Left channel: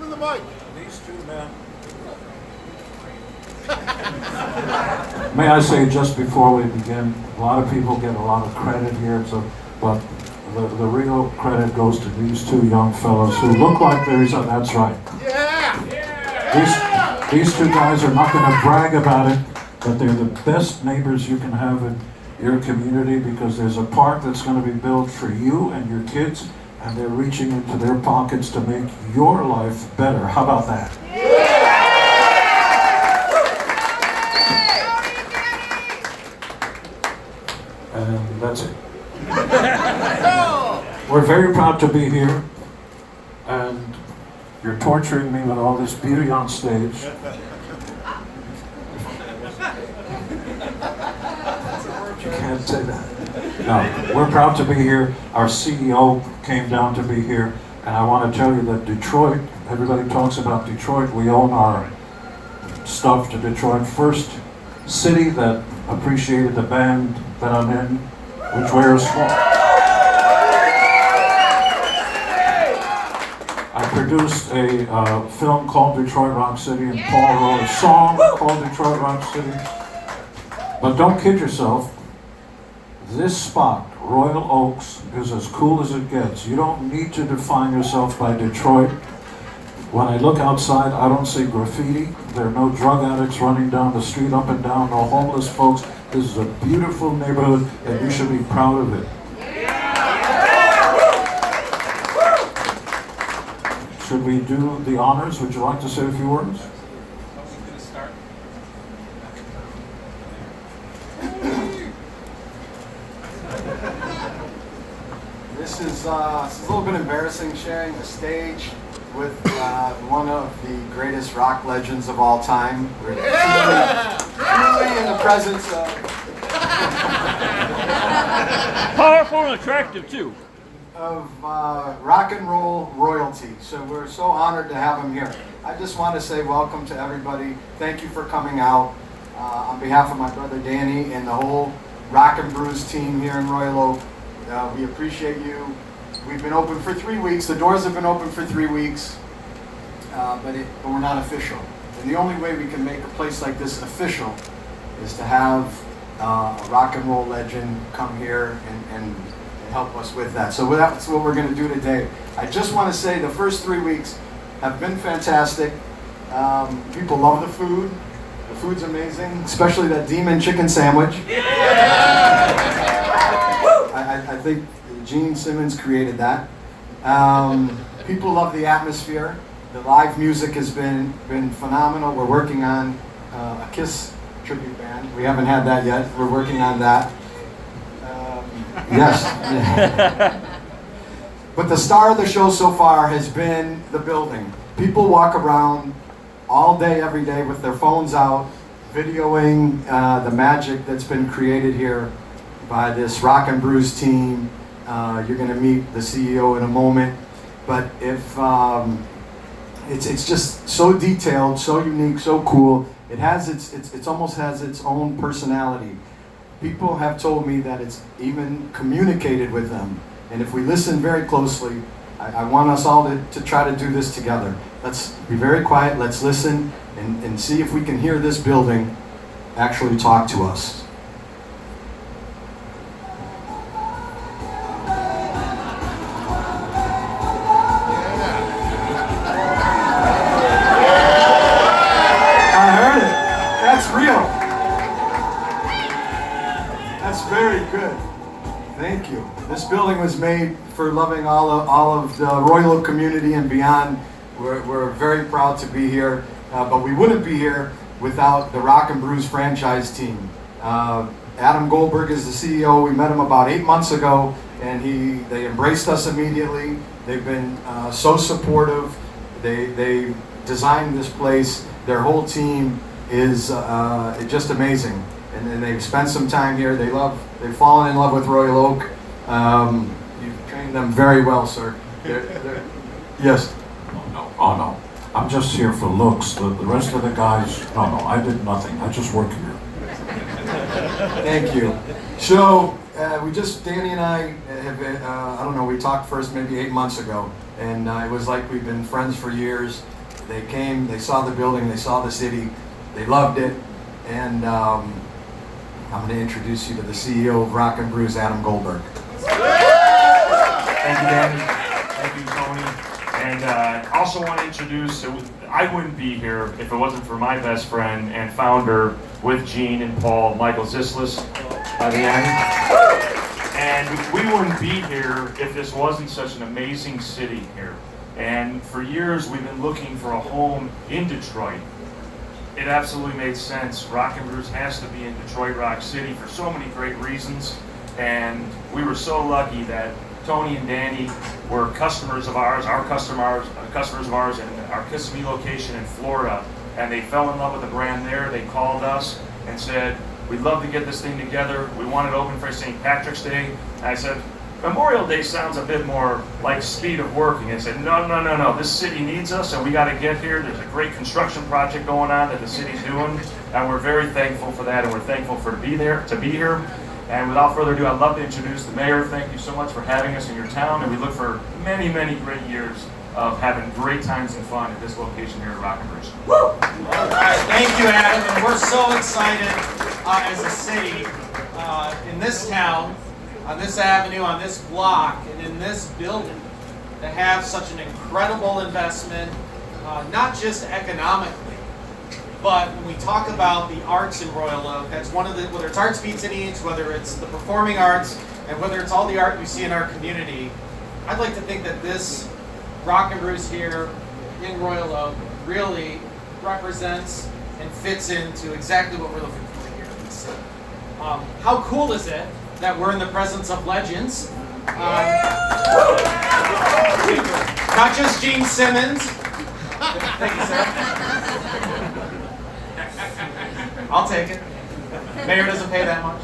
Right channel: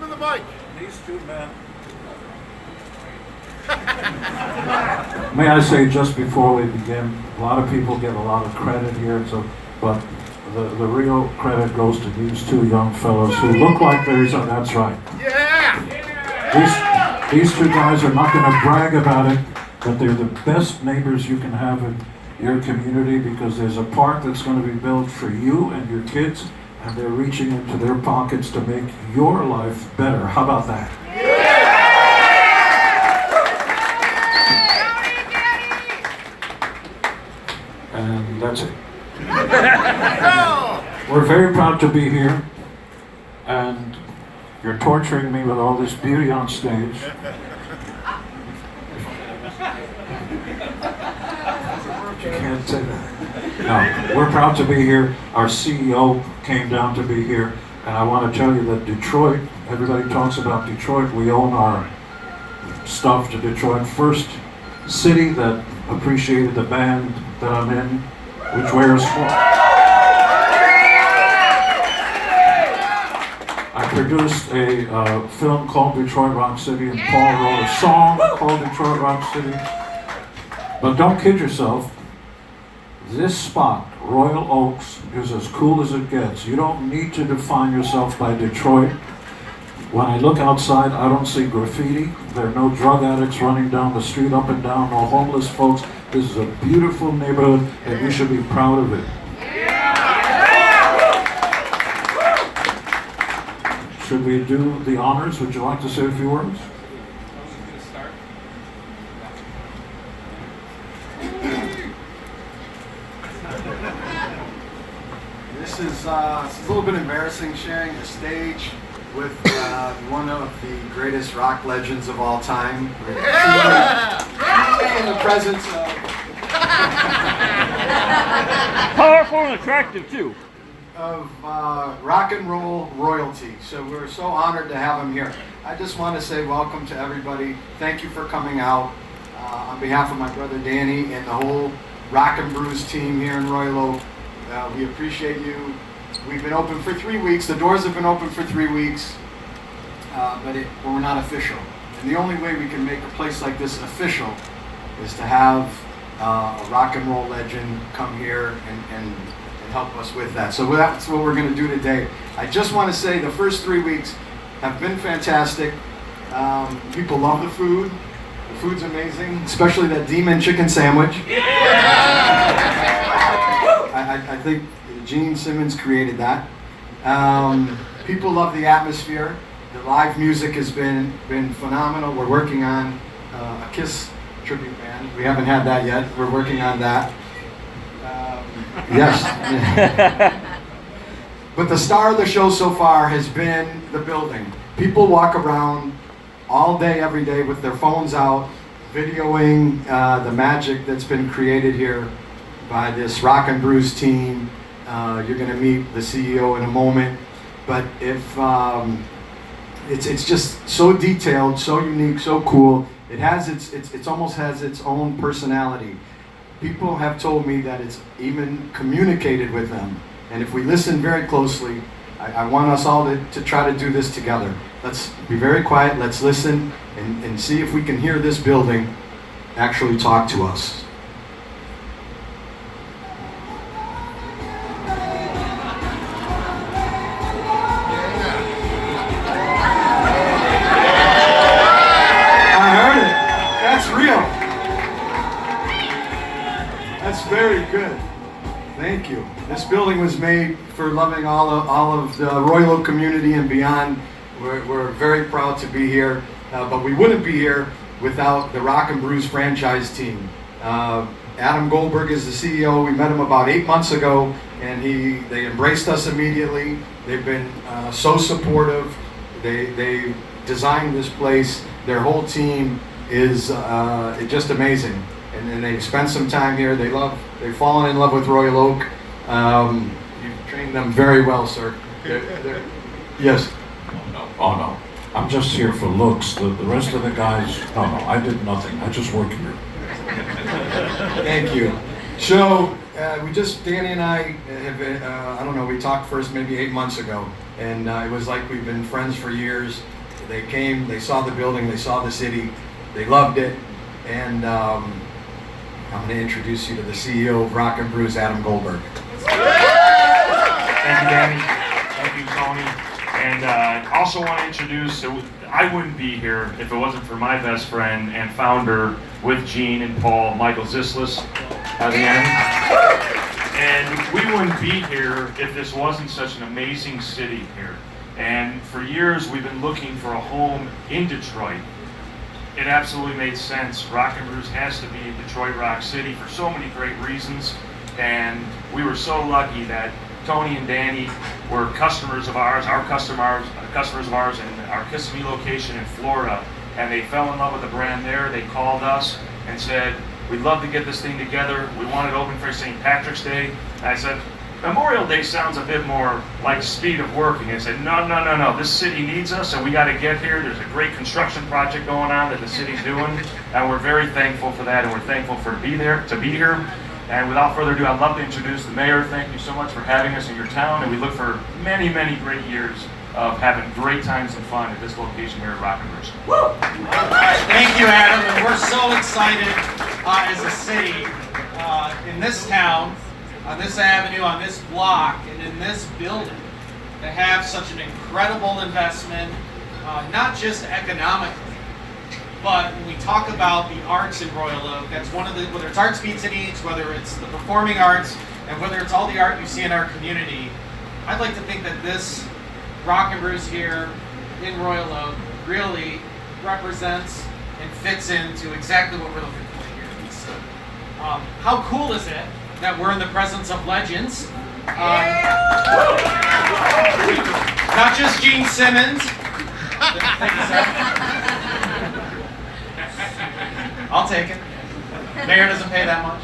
Give him the mic. These two men. May I say, just before we begin, a lot of people get a lot of credit here, but the real credit goes to these two young fellows who look like that's right. Yeah! These two guys are not going to brag about it, but they're the best neighbors you can have in your community because there's a park that's going to be built for you and your kids, and they're reaching into their pockets to make your life better. How about that? And that's it. We're very proud to be here, and you're torturing me with all this beauty on stage. You can't say that. No, we're proud to be here. Our CEO came down to be here, and I want to tell you that Detroit, everybody talks about Detroit, we own our stuff to Detroit. First city that appreciated the band that I'm in, which wears I produced a film called Detroit Rock City, and Paul wrote a song called Detroit Rock City. But don't kid yourself, this spot, Royal Oaks, is as cool as it gets. You don't need to define yourself by Detroit. When I look outside, I don't see graffiti. There are no drug addicts running down the street up and down, no homeless folks. This is a beautiful neighborhood, and you should be proud of it. Should we do the honors? Would you like to say a few words? This is a little bit embarrassing, sharing a stage with one of the greatest rock legends of all time. We're truly in the presence of... Powerful and attractive, too. Of rock and roll royalty. So we're so honored to have him here. I just want to say welcome to everybody. Thank you for coming out. On behalf of my brother Danny and the whole Rock N Brews team here in Royal Oak, we appreciate you. We've been open for 3 weeks. The doors have been open for 3 weeks, but we're not official. And the only way we can make a place like this official is to have a rock and roll legend come here and help us with that. So that's what we're going to do today. I just want to say the first 3 weeks have been fantastic. People love the food. The food's amazing, especially that demon chicken sandwich. I think Gene Simmons created that. People love the atmosphere. The live music has been phenomenal. We're working on a Kiss tribute band. We haven't had that yet. We're working on that. Yes. But the star of the show so far has been the building. People walk around all day, every day with their phones out, videoing the magic that's been created here by this Rock N Brews team. You're going to meet the CEO in a moment. But if it's just so detailed, so unique, so cool. It almost has its own personality. People have told me that it's even communicated with them. And if we listen very closely, I want us all to try to do this together. Let's be very quiet, let's listen, and see if we can hear this building actually talk to us. I heard it. That's real. That's very good. Thank you. This building was made for loving all of the Royal Oak community and beyond. We're very proud to be here, but we wouldn't be here without the Rock N Brews franchise team. Adam Goldberg is the CEO. We met him about 8 months ago, and they embraced us immediately. They've been so supportive. They designed this place. Their whole team is just amazing, and they've spent some time here. They've fallen in love with Royal Oak. You've trained them very well, sir. Yes. Oh no, I'm just here for looks. The rest of the guys, no, I did nothing. I just work here. Thank you. So, Danny and I have, I don't know, we talked first maybe 8 months ago, and it was like we've been friends for years. They came, they saw the building, they saw the city, they loved it, and I'm going to introduce you to the CEO of Rock N Brews, Adam Goldberg. Thank you, Danny. Thank you, Tony. And I also want to introduce, I wouldn't be here if it wasn't for my best friend and founder with Gene and Paul, Michael Zislis, by the end. And we wouldn't be here if this wasn't such an amazing city here. And for years, we've been looking for a home in Detroit. It absolutely made sense. Rock N Brews has to be in Detroit Rock City for so many great reasons. And we were so lucky that Tony and Danny were customers of ours, customers of ours in our Kissimmee location in Florida. And they fell in love with the brand there. They called us and said, we'd love to get this thing together. We want it open for St. Patrick's Day. And I said, Memorial Day sounds a bit more like speed of working. I said, no. This city needs us, and we got to get here. There's a great construction project going on that the city's doing, and we're very thankful for that, and we're thankful to be here. And without further ado, I'd love to introduce the mayor. Thank you so much for having us in your town, and we look for many, many great years of having great times and fun at this location here at Rock N Brews. Woo! All right, thank you, Adam, and we're so excited as a city in this town, on this avenue, on this block, and in this building to have such an incredible investment, not just economically, but when we talk about the arts in Royal Oak, that's one of the, whether it's arts meets and eats, whether it's the performing arts, and whether it's all the art you see in our community, I'd like to think that this Rock N Brews here in Royal Oak really represents and fits into exactly what we're looking for here. So, how cool is it that we're in the presence of legends? Not just Gene Simmons. Thank you, sir. I'll take it. Mayor doesn't pay that much.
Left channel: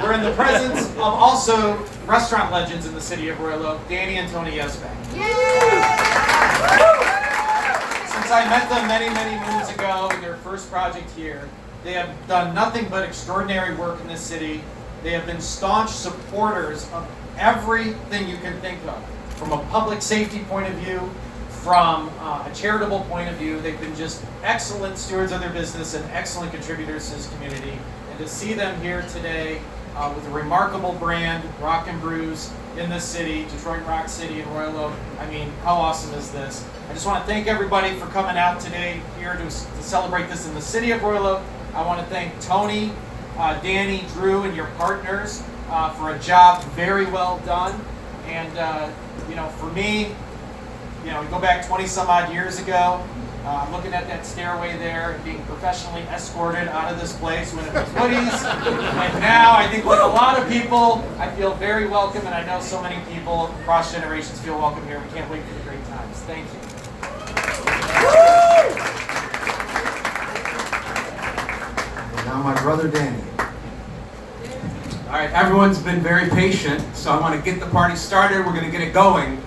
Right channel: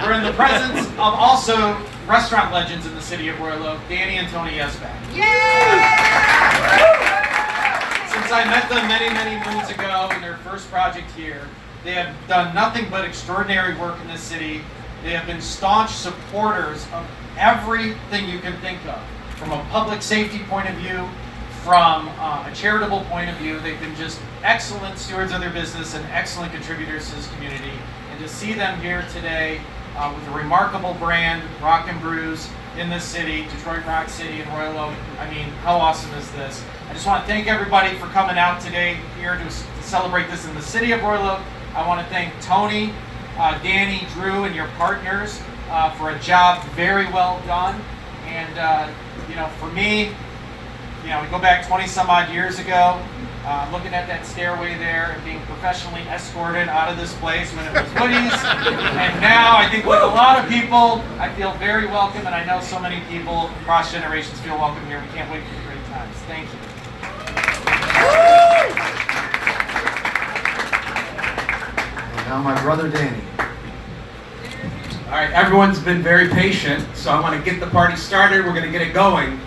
We're in the presence of also restaurant legends in the city of Royal Oak, Danny and Tony Yesbeck. Since I met them many, many moons ago in their first project here, they have done nothing but extraordinary work in this city. They have been staunch supporters of everything you can think of, from a public safety point of view, from a charitable point of view. They've been just excellent stewards of their business and excellent contributors to this community. And to see them here today with a remarkable brand, Rock N Brews, in this city, Detroit Rock City and Royal Oak, I mean, how awesome is this? I just want to thank everybody for coming out today here to celebrate this in the city of Royal Oak. I want to thank Tony, Danny, Drew, and your partners for a job very well done. And, for me, we go back 20 some odd years ago, looking at that stairway there and being professionally escorted out of this place when it was hoodies. And now I think with a lot of people, I feel very welcome, and I know so many people across generations feel welcome here. We can't wait for the great times. Thank you. And now my brother Danny. All right, everyone's been very patient, so I want to get the party started. We're going to get it going.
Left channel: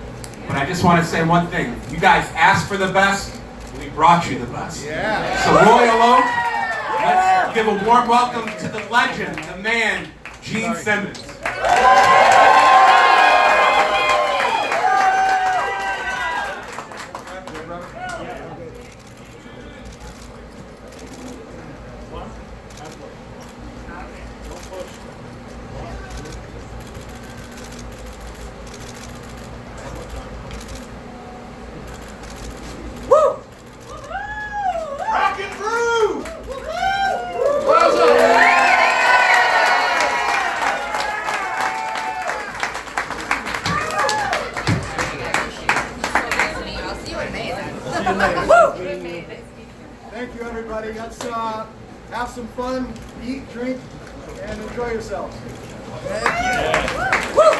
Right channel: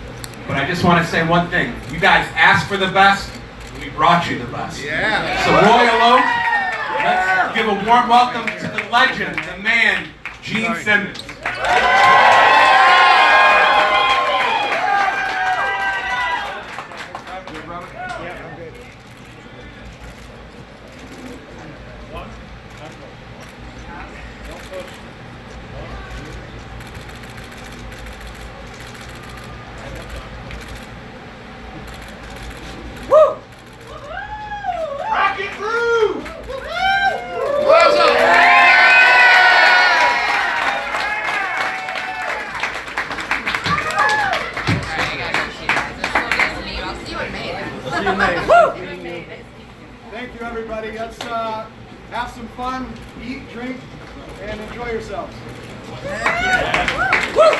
But I just want to say one thing. You guys asked for the best. We brought you the best. Yeah. So Royal Oak, let's give a warm welcome to the legend, the man, Gene Simmons. Rock N Brews! I'll see you in May then. Thank you, everybody. Let's have some fun, eat, drink, and enjoy yourselves. Yeah.